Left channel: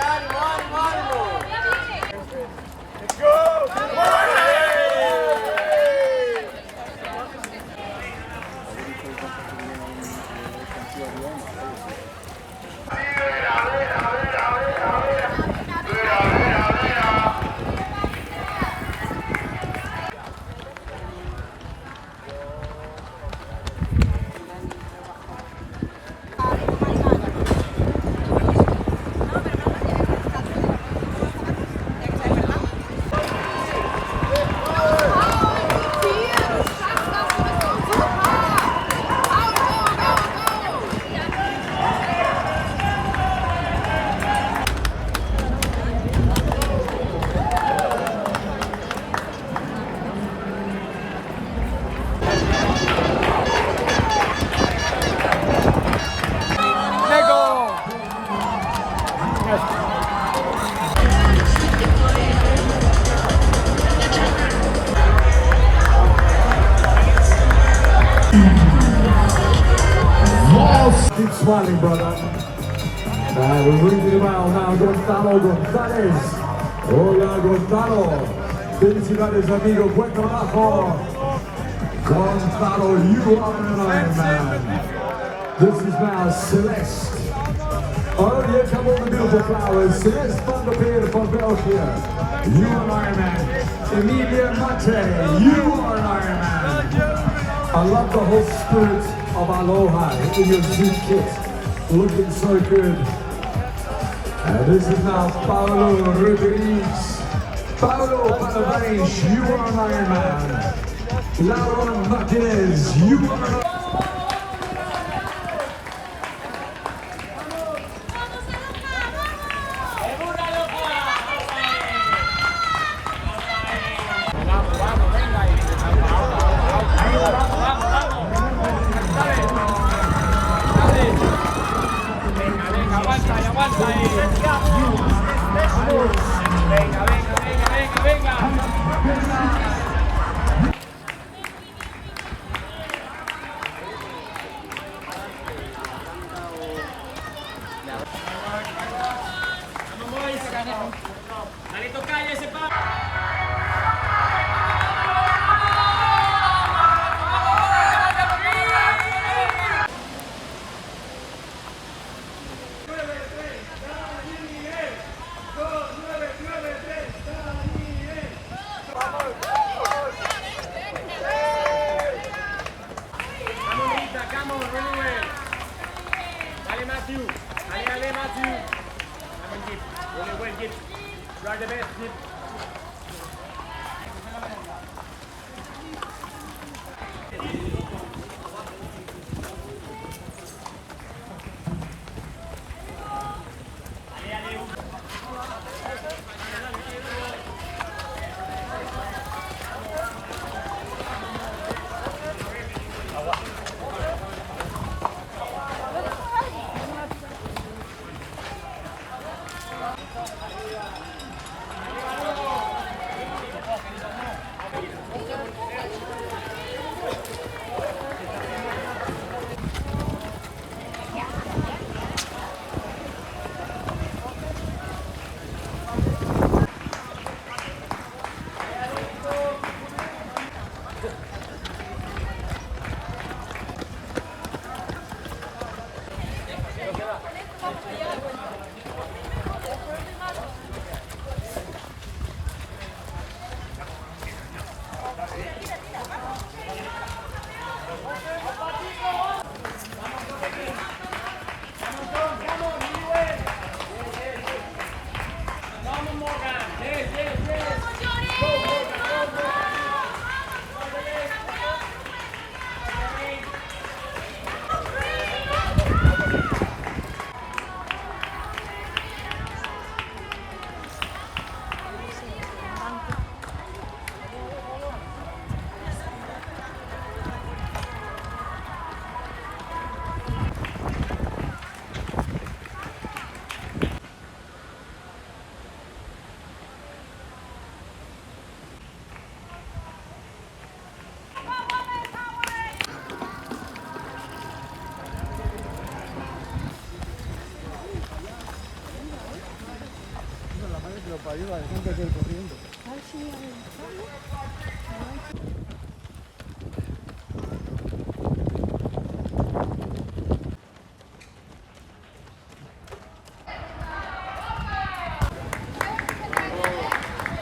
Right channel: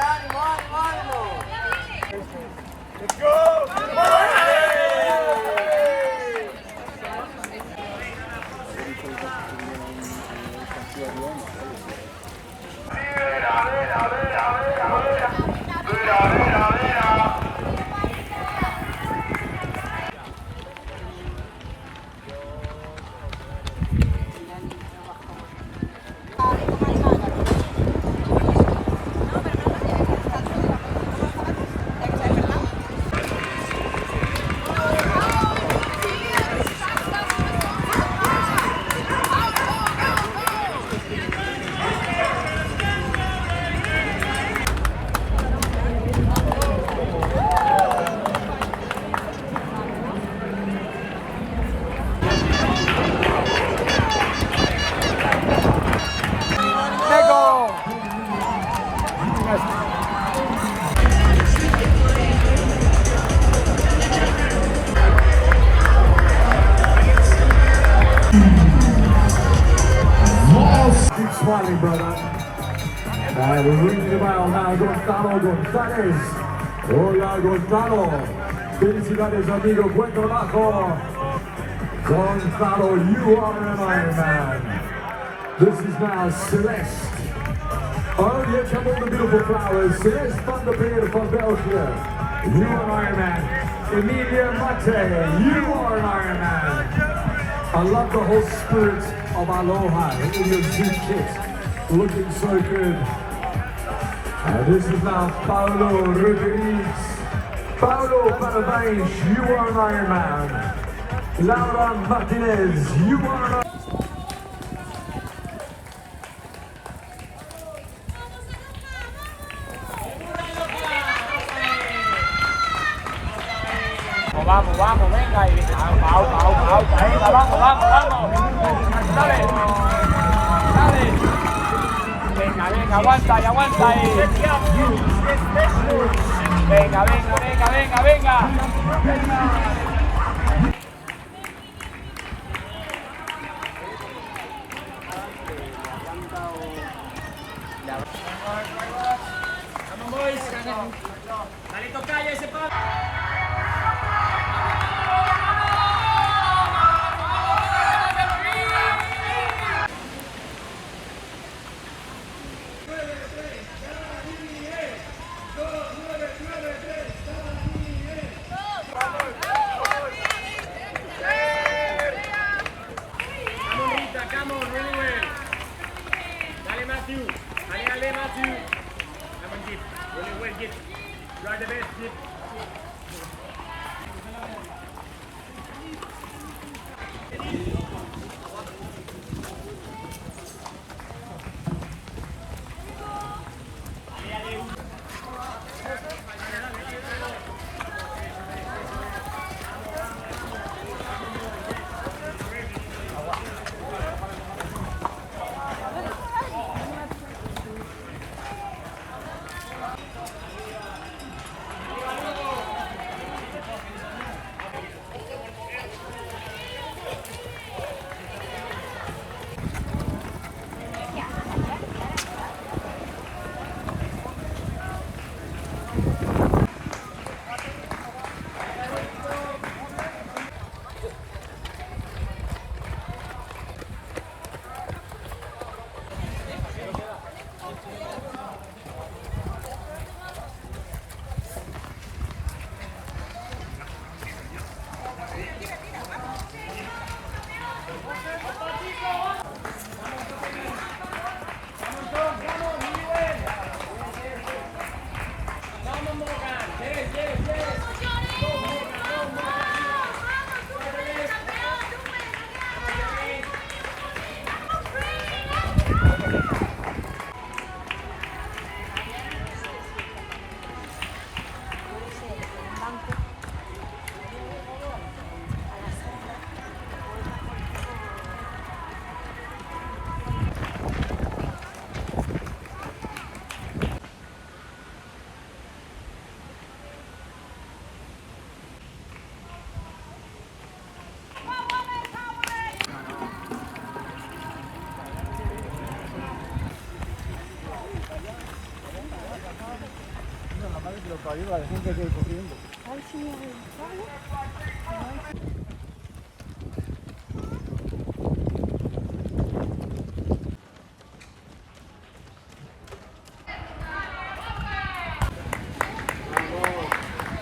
ánimo, ánimo, ánimo. Let's go. Keep smiling, brother. We're ringing the bell now. Gonzalo González. Hola, Gonzalo. Felicidades, amigo. Buen trabajo. Gonzalo, you are an Iron Man. This is now Celeste. Oh, here come all the beautiful flowers. Celeste van der Peer from Belgium. You are Iron Man. Emilia Mate, you are Iron Man. I love the whole spirit of Aloha in your suit kit, looking so good. And this is now Paulo Rodriguez. Paulo Rodriguez, you are an Iron Man. Laura Martinez, you are Aguanta ahí. Venga, venga, venga, venga, venga. Vamos, boys. Dale, toca ya ese palo. Dale, Matthew. Really well, Git. You are the best, Git.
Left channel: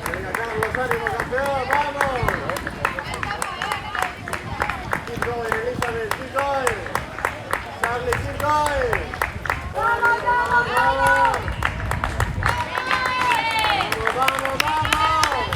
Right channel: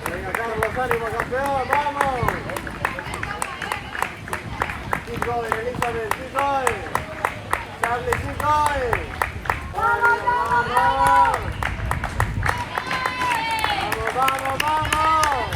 Venga, Carlos, ánimo, campeón, vamos. Keep going, Elizabeth, keep going. Charlie, keep going. Vamos, vamos, vamos. Vamos, vamos, vamos.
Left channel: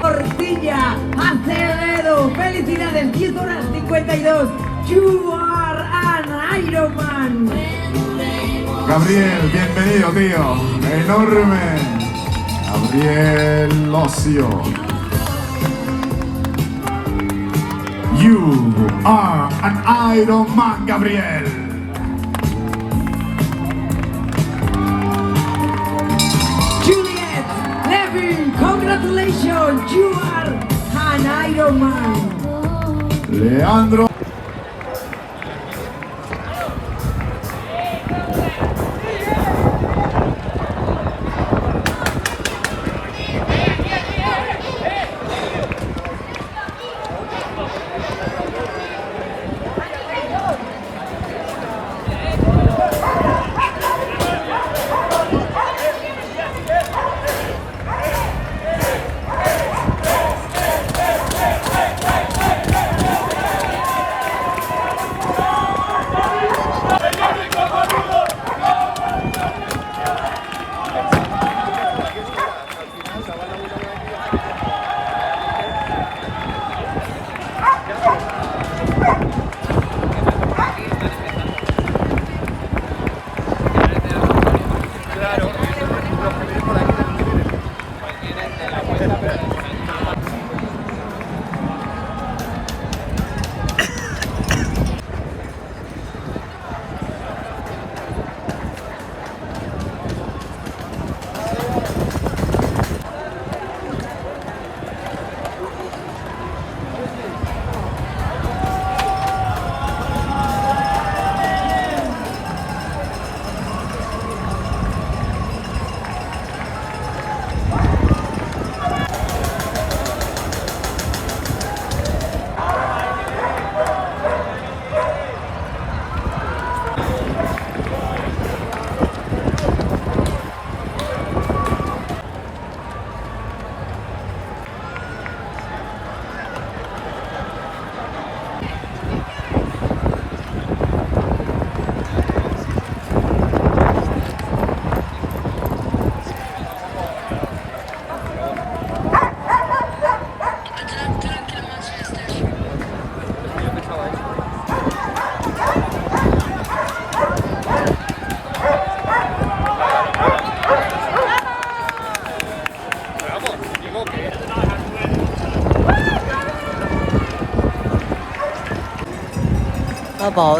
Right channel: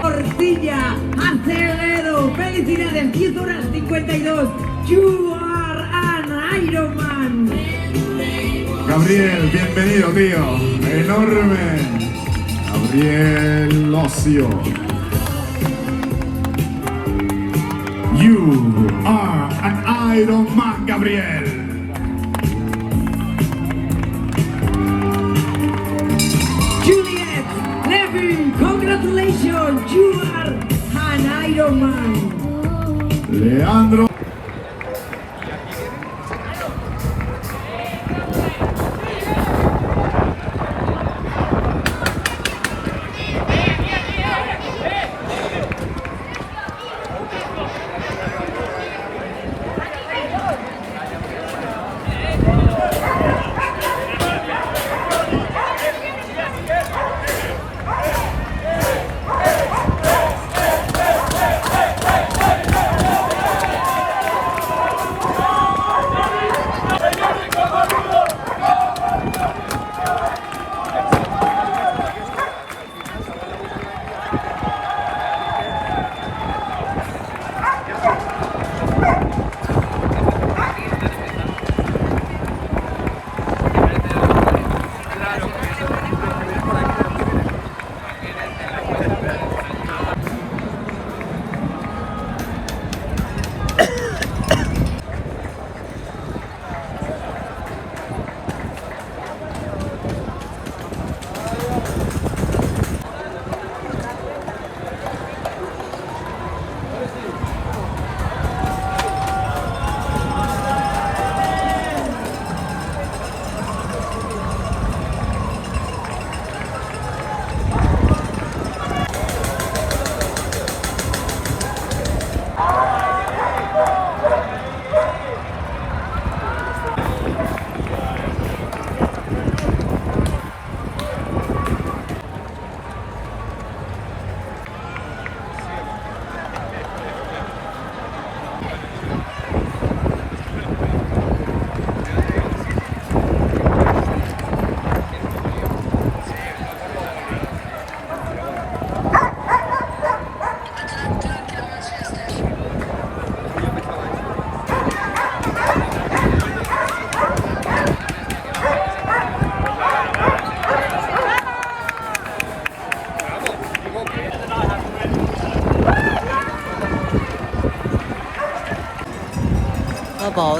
Porcilla, Acevedo, felicidades, 10 horas 52. You are an Ironman. Gabriel, bienvenido, tío. Enorme. Gabriel Ocio. You are an Iron Man, Gabriel. Juliet Levy, congratulations, you are an Ironman. Leandro.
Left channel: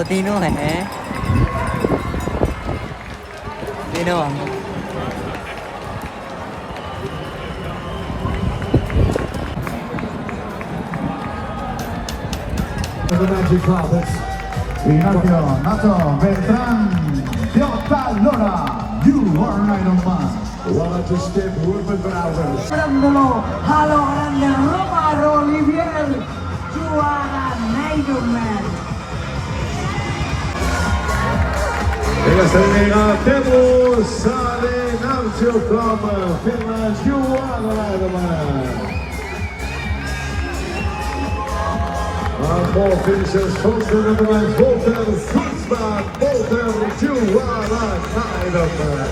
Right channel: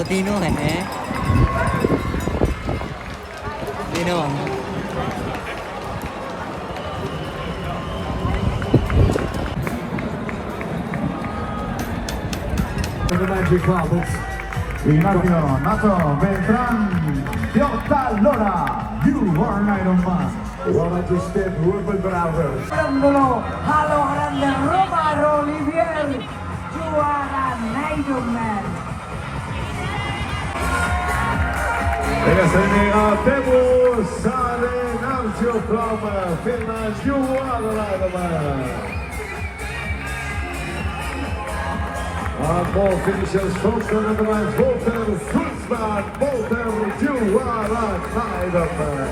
Tino eh. Tino. The magic carpets. Pinocchio, Nato, Beltrán, Piota, Lora, you are an Iron Man. Well, just step, Ruben Barros. Dándolo a los grandes Roma, Olivier, you are an Iron Man. En esta línea tenemos a Venancio from Finland, you are an Iron Man. Our four finishers, first number 9, Volker, Sitzman, Volker, you are an Iron Man.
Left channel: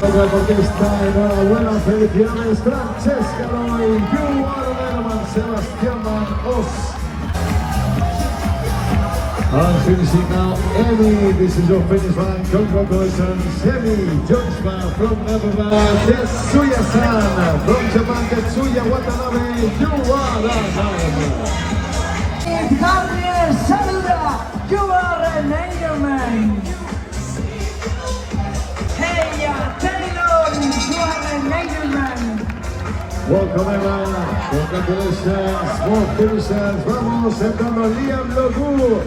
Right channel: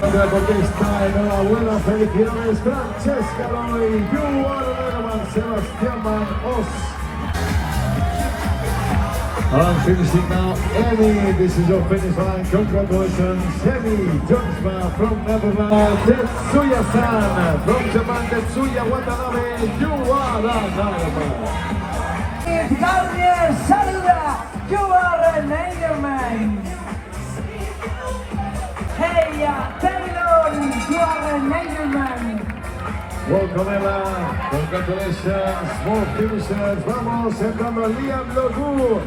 Porque está en buena felicidades, Francesca Roy, you are an Iron Man, Sebastián Manos. And finishing now, Emmy, this is your finish line. Congratulations, Emmy Joshua from Netherlands. Tetsuya-san from Japan, Tetsuya Watanabe, you are an Iron Man. Gabriel Saluda, you are an Iron Man. Hey, Taylor, you are an Iron Man. Welcome, Emma. Congratulations, more finishers. Vamos, entrando Liam Logu.